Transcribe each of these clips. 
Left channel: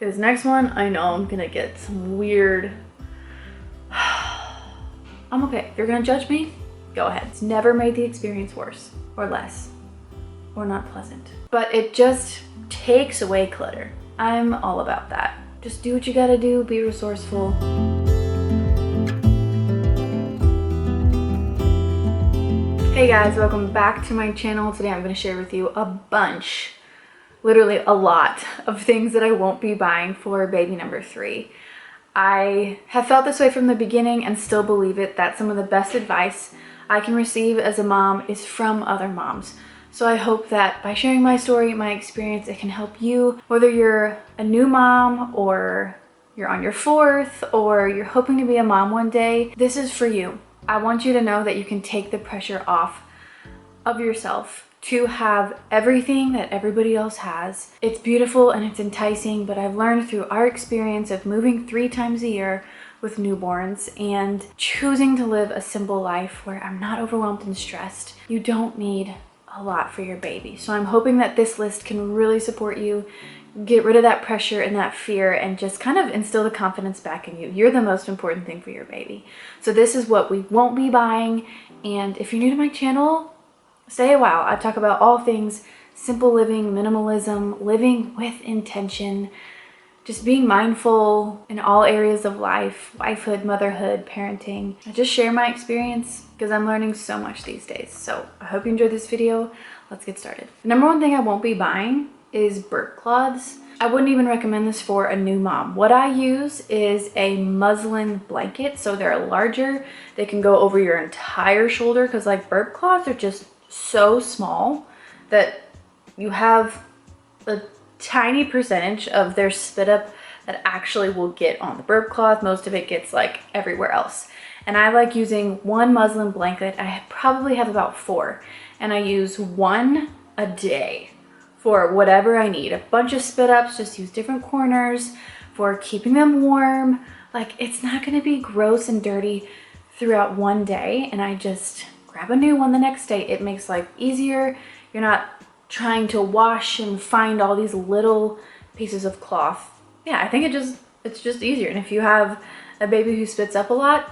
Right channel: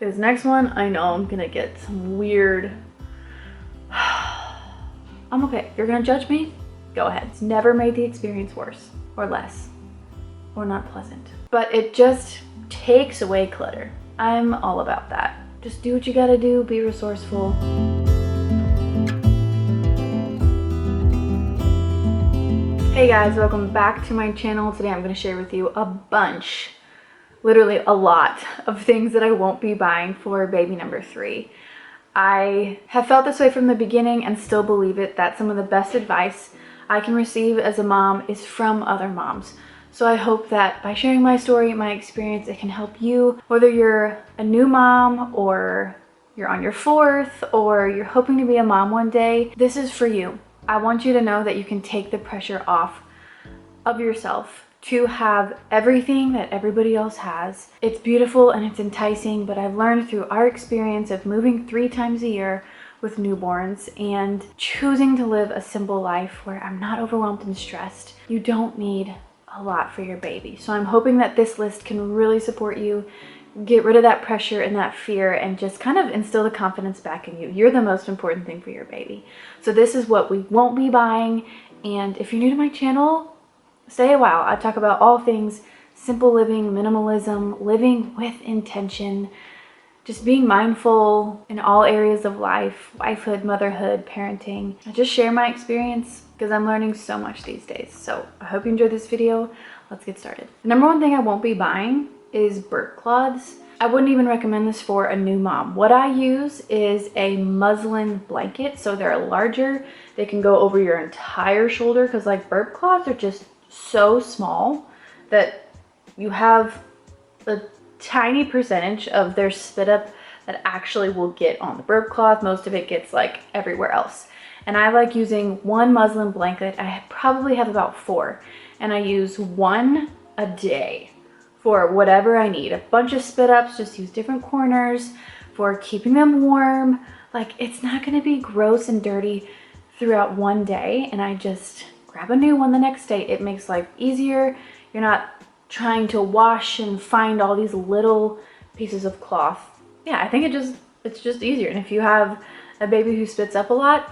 This next one, I know I'm gonna get some weird... I'm okay. If you're gonna judge me, go ahead. It's never made the experience worse or less or not pleasant. But it just takes away clutter. I'm all about that. Just do what you gotta do, be resourceful. Hey guys, welcome back to my channel. Today I'm gonna share with you a bunch, literally a lot of things that I won't be buying for baby number 3. I have felt this way from the beginning and still believe it, that some of the best advice I can receive as a mom is from other moms. So I hope that by sharing my story, my experience, it can help you, whether you're a new mom or you're on your 4th or you're hoping to be a mom one day. This is for you. I want you to know that you can take the pressure off of yourself to have everything that everybody else has. It's beautiful and it's enticing, but I've learned through our experience of moving 3 times a year with newborns and choosing to live a simple life where I'm not overwhelmed and stressed. You don't need a lot for your baby. So I'm hoping that this list can really support you, get rid of that pressure and that fear, and just kind of instill the confidence back in you. You're the most important thing for your baby. So this is what we won't be buying. And if you're new to my channel, stay a while. I talk about all things simple living, minimalism, living with intention, just being mindful in all areas of life, wifehood, motherhood, parenting. I just share my experience because I'm learning so much these days. So I hope you enjoyed this video. Let's get started. The number one thing I won't be buying is burp cloths. I wouldn't even recommend this for a new mom. What I use is a muslin blanket. So they're larger. They can go over your entire shoulder because like burp cloths are just so small that you have a tiny percentage of their spit up that actually will get on the burp cloth. Most of it gets like everywhere else. And I like using one muslin blanket. I probably have about 4, and I use one a day for whatever I need. A bunch of spit ups, just use different corners for keeping them warm. Like, it's not gonna be gross and dirty throughout one day, and I just grab a new one the next day. It makes life easier. You're not trying to wash and find all these little pieces of cloth. Yeah, I think it's just easier. And if you have a baby who spits up a lot,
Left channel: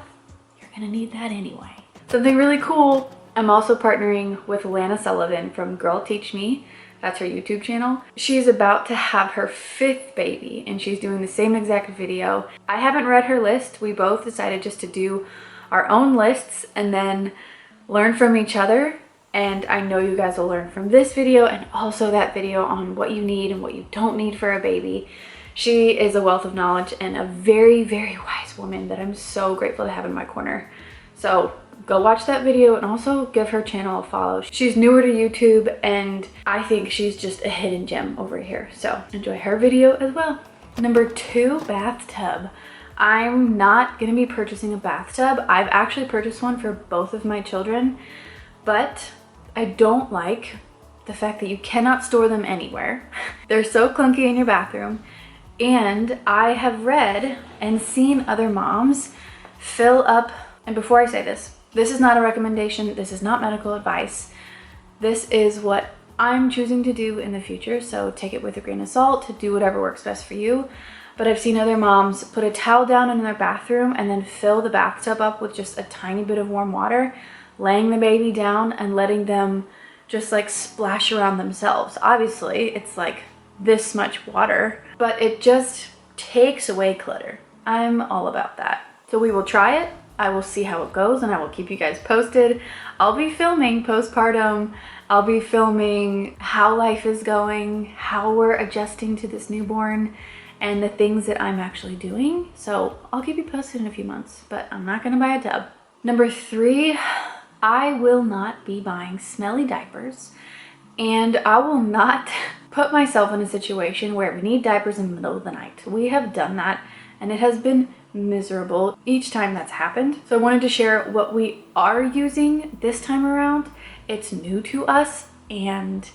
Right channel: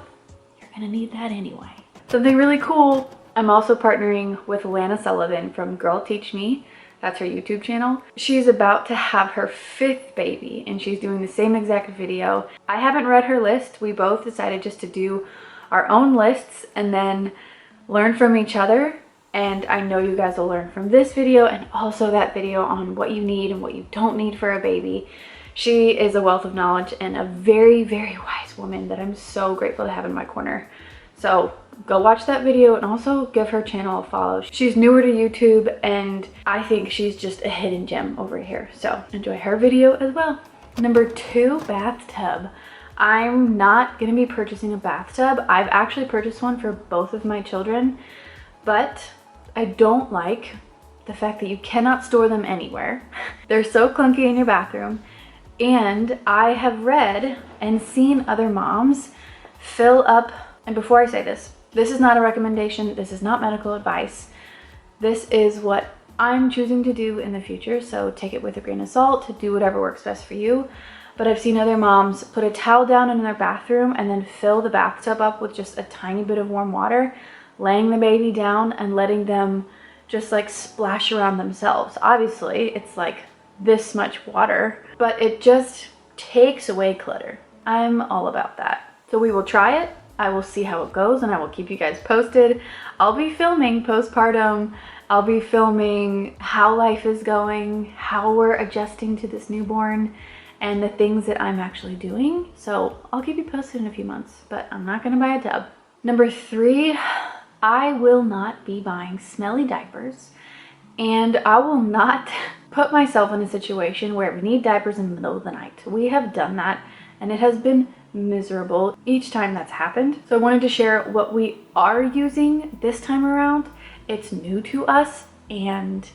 you're gonna need that anyway. Something really cool, I'm also partnering with Lana from Girl Teach Me. That's her YouTube channel. She's about to have her 5th baby and she's doing the same exact video. I haven't read her list. We both decided just to do our own lists and then learn from each other. And I know you guys will learn from this video and also that video on what you need and what you don't need for a baby. She is a wealth of knowledge and a very, very wise woman that I'm so grateful to have in my corner. So go watch that video and also give her channel a follow. She's newer to YouTube and I think she's just a hidden gem over here. So enjoy her video as well. Number 2, bathtub. I'm not gonna be purchasing a bathtub. I've actually purchased one for both of my children, but I don't like the fact that you cannot store them anywhere. They're so clunky in your bathroom. And I have read and seen other moms fill up, and before I say this, this is not a recommendation, this is not medical advice. This is what I'm choosing to do in the future, so take it with a grain of salt to do whatever works best for you. But I've seen other moms put a towel down in their bathroom and then fill the bathtub up with just a tiny bit of warm water, laying the baby down and letting them just like splash around themselves. Obviously, it's like this much water, but it just takes away clutter. I'm all about that. So we will try it. I will see how it goes and I will keep you guys posted. I'll be filming postpartum. I'll be filming how life is going, how we're adjusting to this newborn, and the things that I'm actually doing. So I'll keep you posted in a few months, but I'm not gonna buy a tub. Number 3, I will not be buying smelly diapers, and I will not put myself in a situation where we need diapers in the middle of the night. We have done that and it has been miserable each time that's happened. So I wanted to share what we are using this time around. It's new to us and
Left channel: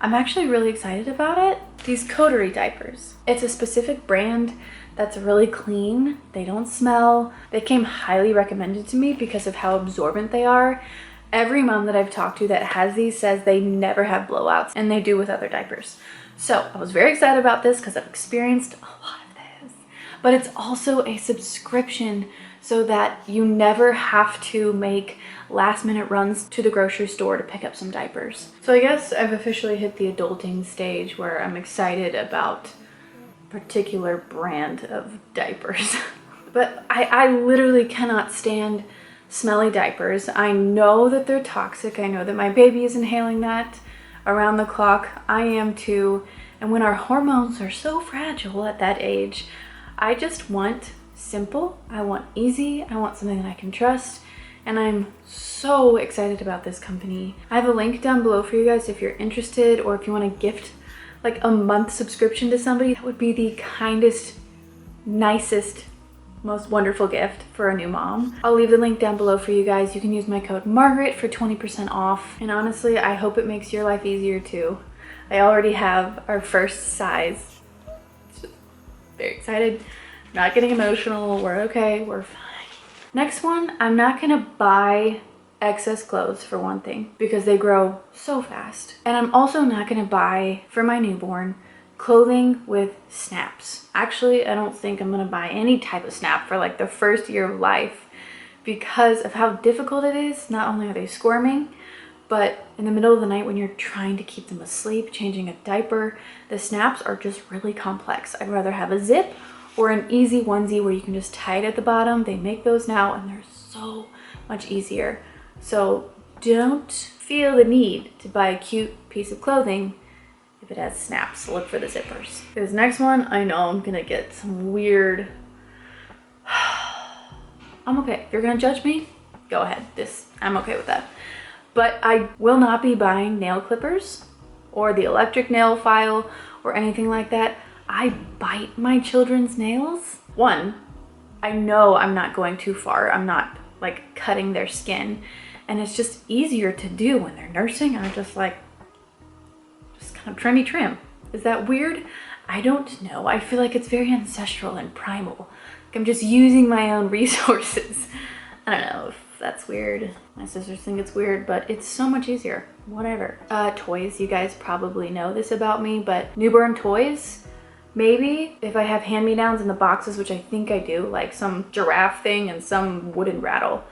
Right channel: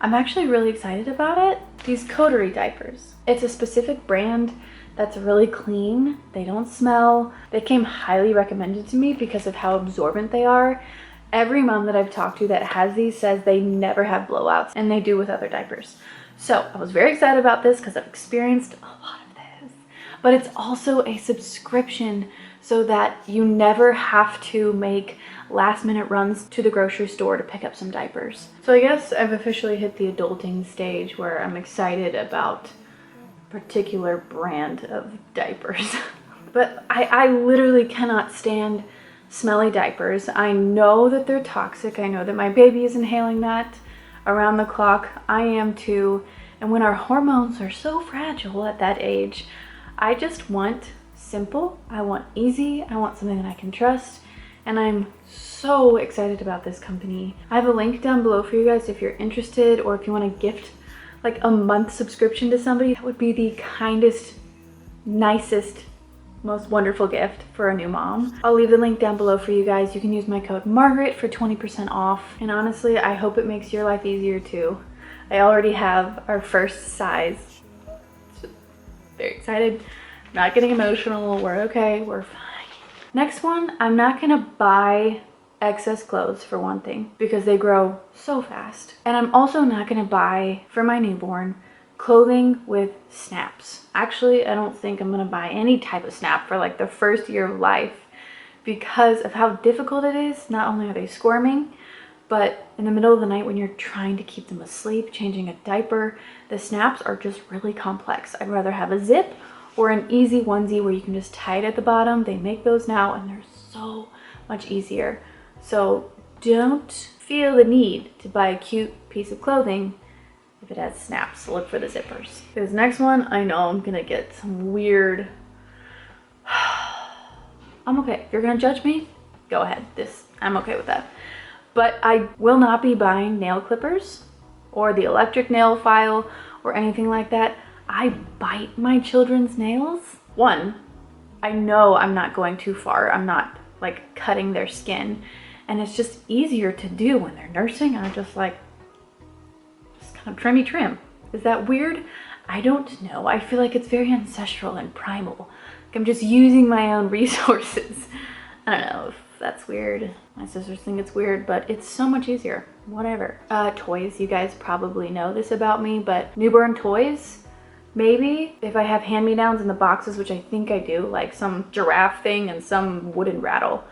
I'm actually really excited about it. These coterie diapers. It's a specific brand that's really clean. They don't smell. They came highly recommended to me because of how absorbent they are. Every mom that I've talked to that has these says they never have blowouts, and they do with other diapers. So I was very excited about this because I've experienced a lot of this, but it's also a subscription so that you never have to make last minute runs to the grocery store to pick up some diapers. So I guess I've officially hit the adulting stage where I'm excited about a particular brand of diapers. But I literally cannot stand smelly diapers. I know that they're toxic. I know that my baby is inhaling that around the clock. I am too. And when our hormones are so fragile at that age, I just want simple. I want easy. I want something that I can trust. And I'm so excited about this company. I have a link down below for you guys if you're interested, or if you want to gift like a month subscription to somebody. That would be the kindest, nicest, most wonderful gift for a new mom. I'll leave the link down below for you guys. You can use my code Margaret for 20% off. And honestly, I hope it makes your life easier too. I already have our first size. Very excited. Not getting emotional. We're okay. We're fine. Next one, I'm not gonna buy excess clothes for one thing because they grow so fast. And I'm also not gonna buy for my newborn clothing with snaps. Actually, I don't think I'm gonna buy any type of snap for like the first year of life because of how difficult it is. Not only are they squirming, but in the middle of the night when you're trying to keep them asleep, changing a diaper, the snaps are just really complex. I'd rather have a zip or an easy onesie where you can just tie it at the bottom. They make those now and they're so much easier. So don't feel the need to buy a cute piece of clothing if it has snaps. Look for the zippers. This next one, I know I'm gonna get some weird... I'm okay. If you're gonna judge me, go ahead. I'm okay with that. But I will not be buying nail clippers or the electric nail file or anything like that. I bite my children's nails. One, I know I'm not going too far. I'm not like cutting their skin. And it's just easier to do when they're nursing. I'm just like, kind of trim. Is that weird? I don't know. I feel like it's very ancestral and primal. Like I'm just using my own resources. I don't know if that's weird. My sisters think it's weird, but it's so much easier. Whatever. Toys, you guys probably know this about me, but newborn toys, maybe if I have hand-me-downs in the boxes, which I think I do, like some giraffe thing and some wooden rattle.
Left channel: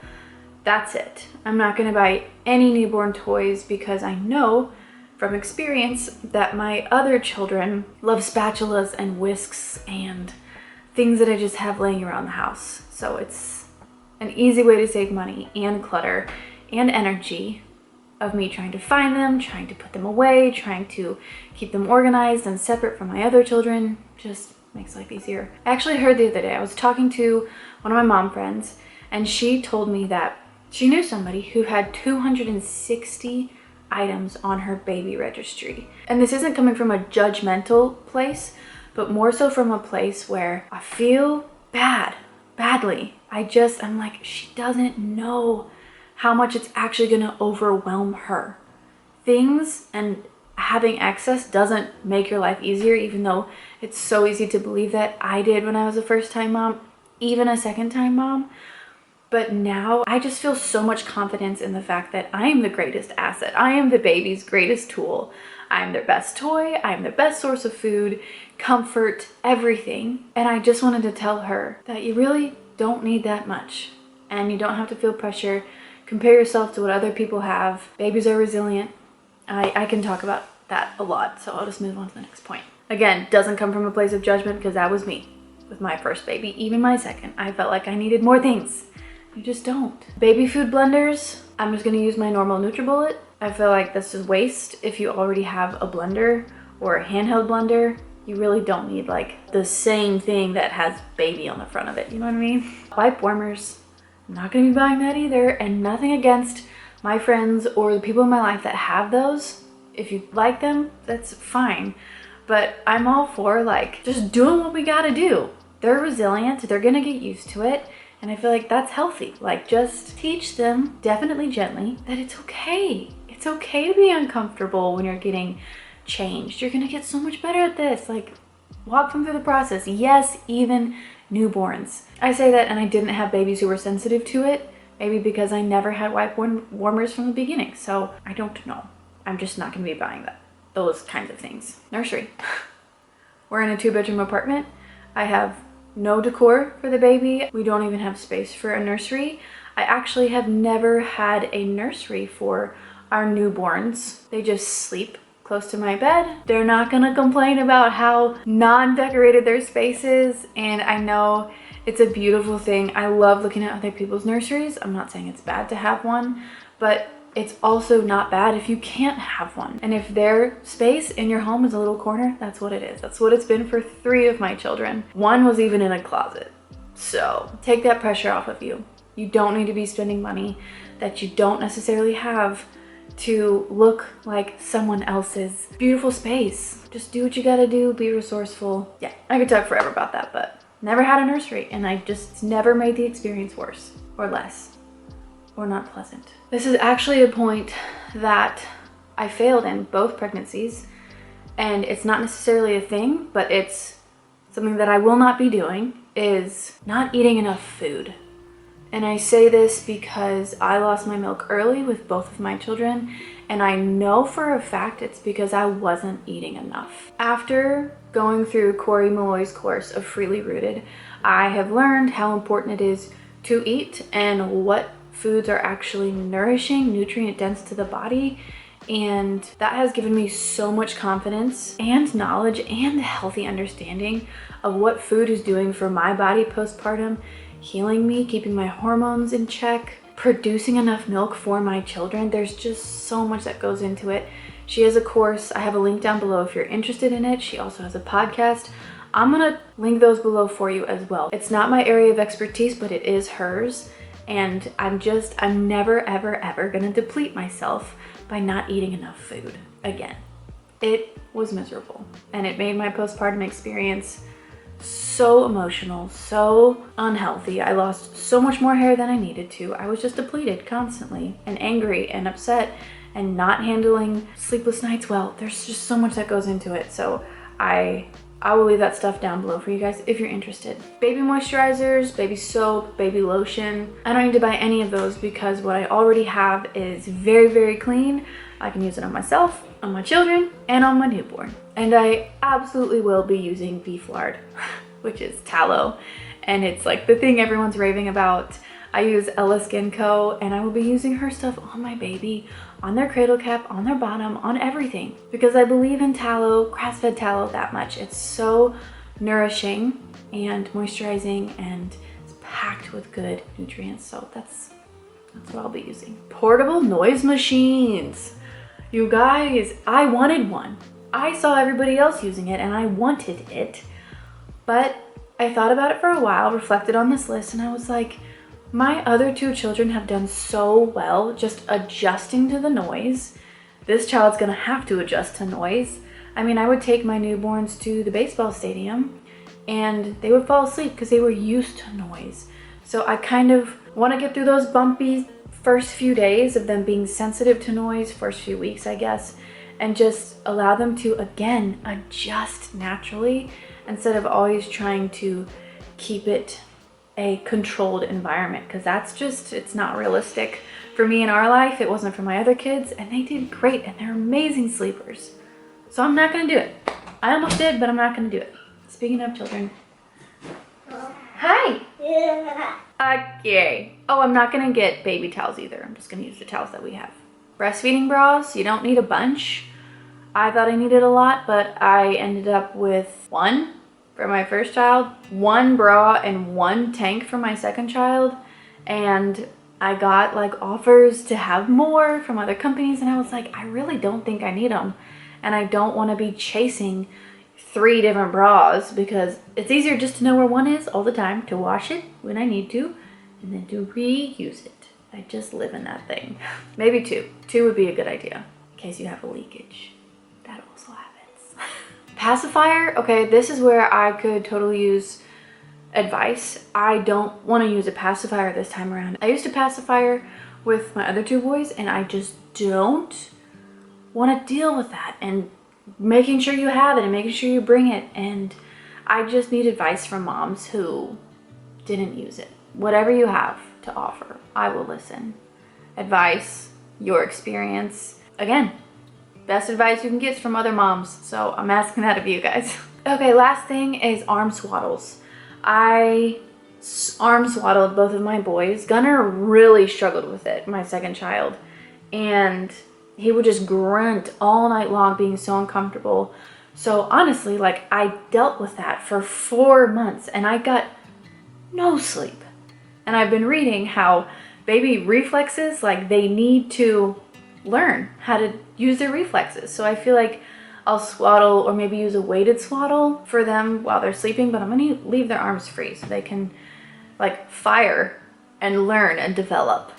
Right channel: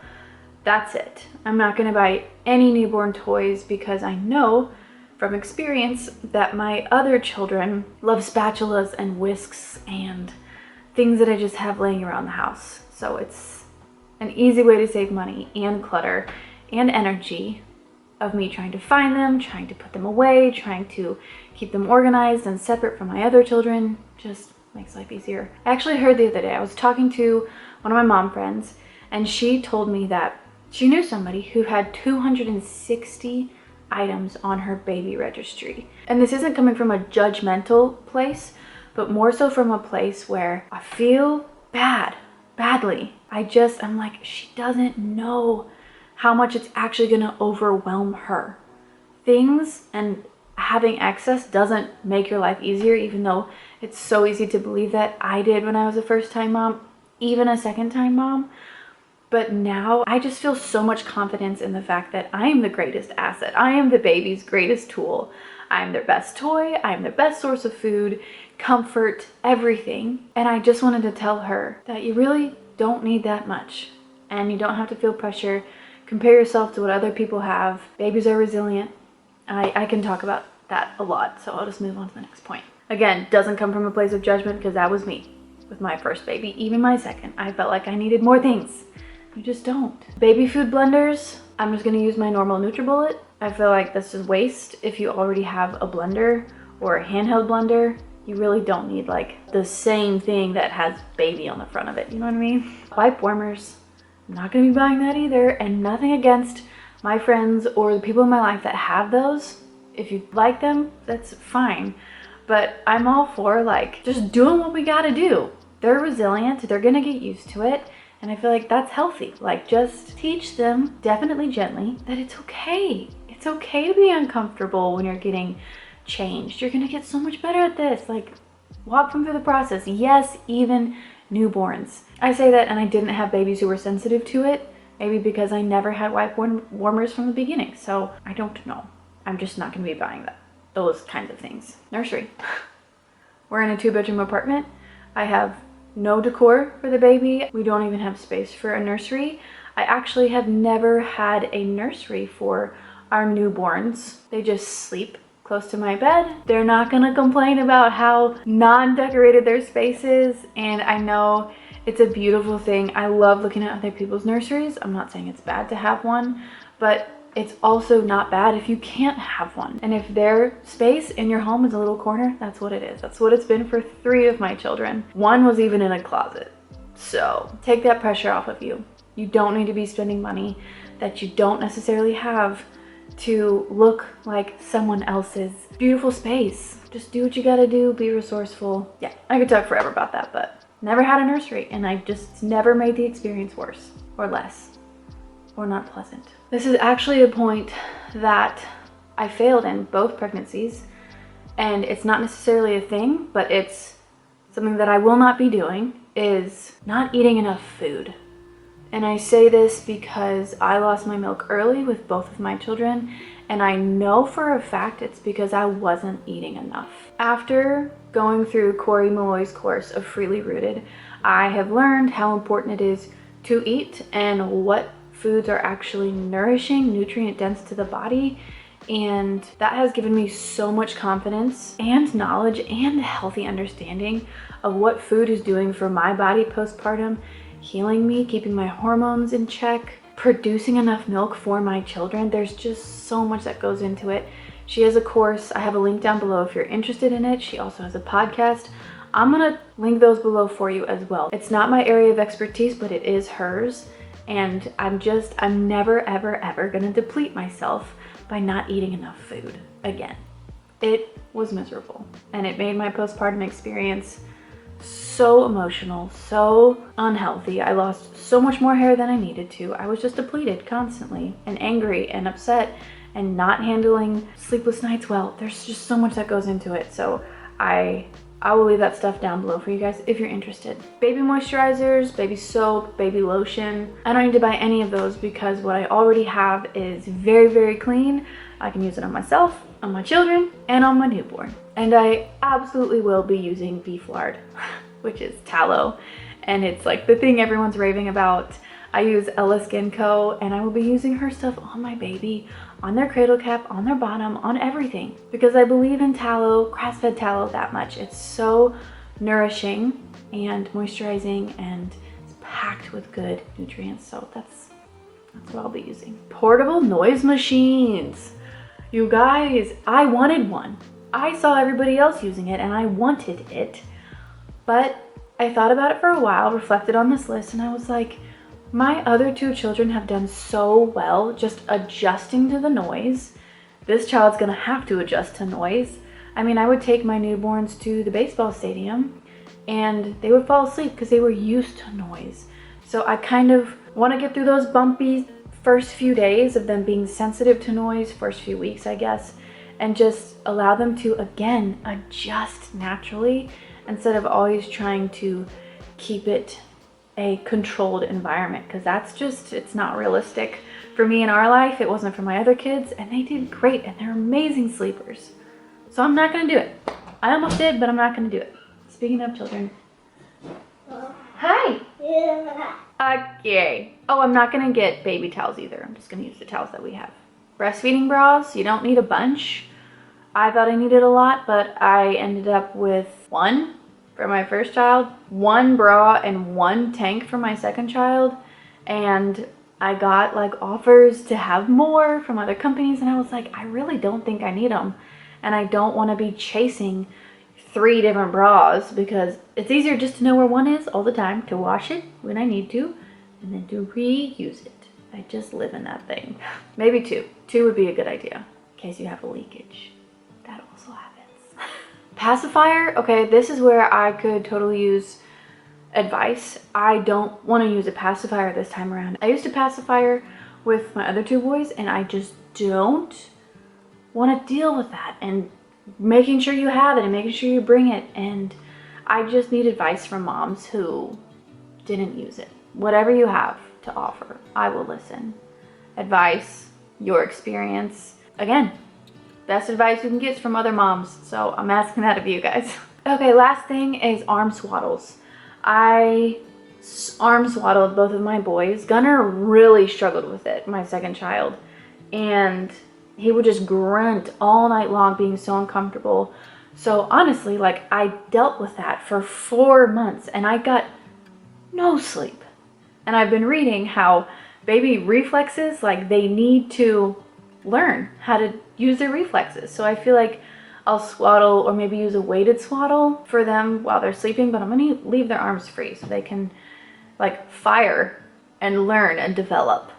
That's it. I'm not gonna buy any newborn toys because I know from experience that my other children love spatulas and whisks and things that I just have laying around the house. So it's an easy way to save money and clutter and energy of me trying to find them, trying to put them away, trying to keep them organized and separate from my other children. Just makes life easier. I actually heard the other day, I was talking to one of my mom friends and she told me that she knew somebody who had 260 items on her baby registry. And this isn't coming from a judgmental place, but more so from a place where I feel badly. I'm like, she doesn't know how much it's actually gonna overwhelm her. Things and having excess doesn't make your life easier, even though it's so easy to believe that. I did when I was a first-time mom, even a second-time mom. But now I just feel so much confidence in the fact that I am the greatest asset. I am the baby's greatest tool. I am their best toy. I am their best source of food, comfort, everything. And I just wanted to tell her that you really don't need that much. And you don't have to feel pressure. Compare yourself to what other people have. Babies are resilient. I can talk about that a lot, so I'll just move on to the next point. Again, doesn't come from a place of judgment because that was me with my first baby, even my second. I felt like I needed more things. You just don't. Baby food blenders, I'm just gonna use my normal NutriBullet. I feel like this is waste if you already have a blender or a handheld blender. You really don't need like the same thing that has baby on the front of it, you know what I mean? Wipe warmers, I'm not gonna be buying that either, and nothing against my friends or the people in my life that have those. If you like them, that's fine. But I'm all for like just doing what we gotta do. They're resilient, they're gonna get used to it. And I feel like that's healthy. Like just teach them, definitely gently, that it's okay. It's okay to be uncomfortable when you're getting changed. You're gonna get so much better at this. Like walk them through the process. Yes, even newborns. I say that and I didn't have babies who were sensitive to it. Maybe because I never had wipe warmers from the beginning. So I don't know. I'm just not gonna be buying that. those kinds of things. Nursery. We're in a 2-bedroom apartment. I have no decor for the baby. We don't even have space for a nursery. I actually have never had a nursery for our newborns. They just sleep close to my bed. They're not gonna complain about how non-decorated their space is, and I know it's a beautiful thing. I love looking at other people's nurseries. I'm not saying it's bad to have one, but it's also not bad if you can't have one. And if their space in your home is a little corner, that's what it is. That's what it's been for 3 of my children. 1 was even in a closet. So take that pressure off of you. You don't need to be spending money that you don't necessarily have to look like someone else's beautiful space. Just do what you gotta do, be resourceful. Yeah, I could talk forever about that, but never had a nursery, and I just never made the experience worse or less or not pleasant. This is actually a point that I failed in both pregnancies, and it's not necessarily a thing, but it's something that I will not be doing, is not eating enough food. And I say this because I lost my milk early with both of my children, and I know for a fact it's because I wasn't eating enough. After going through Corey Malloy's course of Freely Rooted, I have learned how important it is to eat and what foods are actually nourishing, nutrient dense to the body. And that has given me so much confidence and knowledge and a healthy understanding of what food is doing for my body postpartum, healing me, keeping my hormones in check, producing enough milk for my children. There's just so much that goes into it. She has a course. I have a link down below if you're interested in it. She also has a podcast. I'm gonna link those below for you as well. It's not my area of expertise, but it is hers. And I'm never, ever, ever gonna deplete myself by not eating enough food again. It was miserable, and it made my postpartum experience so emotional, so unhealthy. I lost so much more hair than I needed to. I was just depleted constantly and angry and upset and not handling sleepless nights well. There's just so much that goes into it. So I will leave that stuff down below for you guys if you're interested. Baby moisturizers, baby soap, baby lotion. I don't need to buy any of those because what I already have is very, very clean. I can use it on myself, on my children, and on my newborn. And I absolutely will be using beef lard, which is tallow. And it's like the thing everyone's raving about. I use Ella Skin Co. and I will be using her stuff on my baby, on their cradle cap, on their bottom, on everything. Because I believe in tallow, grass-fed tallow that much. It's so nourishing and moisturizing, and it's packed with good nutrients. So that's what I'll be using. Portable noise machines. You guys, I wanted one. I saw everybody else using it and I wanted it, but I thought about it for a while, reflected on this list, and I was like, my other 2 children have done so well just adjusting to the noise. This child's gonna have to adjust to noise. I mean, I would take my newborns to the baseball stadium and they would fall asleep because they were used to noise. So I kind of want to get through those bumpy first few days of them being sensitive to noise, first few weeks, I guess, and just allow them to, again, adjust naturally instead of always trying to keep it a controlled environment, because that's just, it's not realistic for me in our life. It wasn't for my other kids, and they did great, and they're amazing sleepers. So I'm not gonna do it. I almost did, but I'm not gonna do it. Speaking of children. Hi. Okay. Oh, I'm not gonna get baby towels either. I'm just gonna use the towels that we have. Breastfeeding bras, you don't need a bunch. I thought I needed a lot, but I ended up with 1 for my first child, 1 bra, and 1 tank for my second child. And I got like offers to have more from other companies, and I was like, I really don't think I need them. And I don't want to be chasing 3 different bras, because it's easier just to know where one is all the time, to wash it when I need to, and then to reuse it. I just live in that thing. Maybe 2. 2 would be a good idea in case you have a leakage. That also happens. Pacifier, okay, this is where I could totally use advice. I don't want to use a pacifier this time around. I used a pacifier with my other 2 boys, and I just don't want to deal with that, and making sure you have it and making sure you bring it. And I just need advice from moms who didn't use it. Whatever you have to offer, I will listen. Advice, your experience. Again, best advice you can get is from other moms, so I'm asking that of you guys. Okay, last thing is arm swaddles. I arm swaddled both of my boys. Gunnar really struggled with it, my second child, and he would just grunt all night long, being so uncomfortable. So honestly, like, I dealt with that for 4 months and I got no sleep. And I've been reading how baby reflexes, like, they need to learn how to use their reflexes. So I feel like I'll swaddle or maybe use a weighted swaddle for them while they're sleeping, but I'm gonna leave their arms free so they can like fire and learn and develop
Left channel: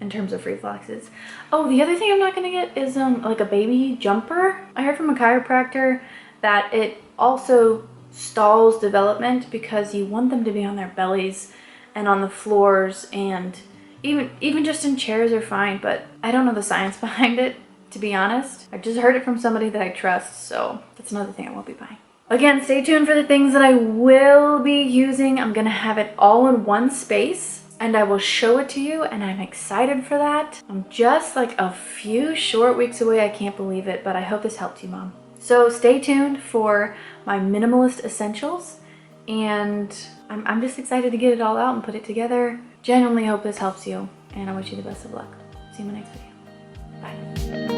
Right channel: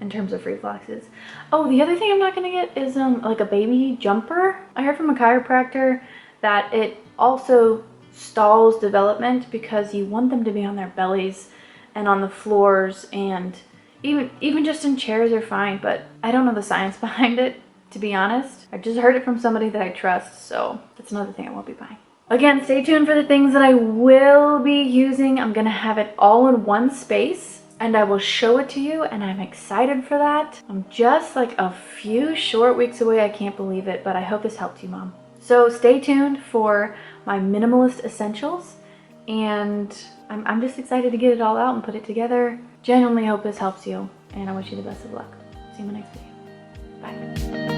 in terms of reflexes. Oh, the other thing I'm not gonna get is like a baby jumper. I heard from a chiropractor that it also stalls development because you want them to be on their bellies and on the floors, and even just in chairs are fine, but I don't know the science behind it, to be honest. I just heard it from somebody that I trust, so that's another thing I won't be buying. Again, stay tuned for the things that I will be using. I'm gonna have it all in one space and I will show it to you, and I'm excited for that. I'm just like a few short weeks away. I can't believe it, but I hope this helped you, Mom. So stay tuned for my minimalist essentials, and I'm just excited to get it all out and put it together. Genuinely hope this helps you, and I wish you the best of luck. See you in my next video. Bye.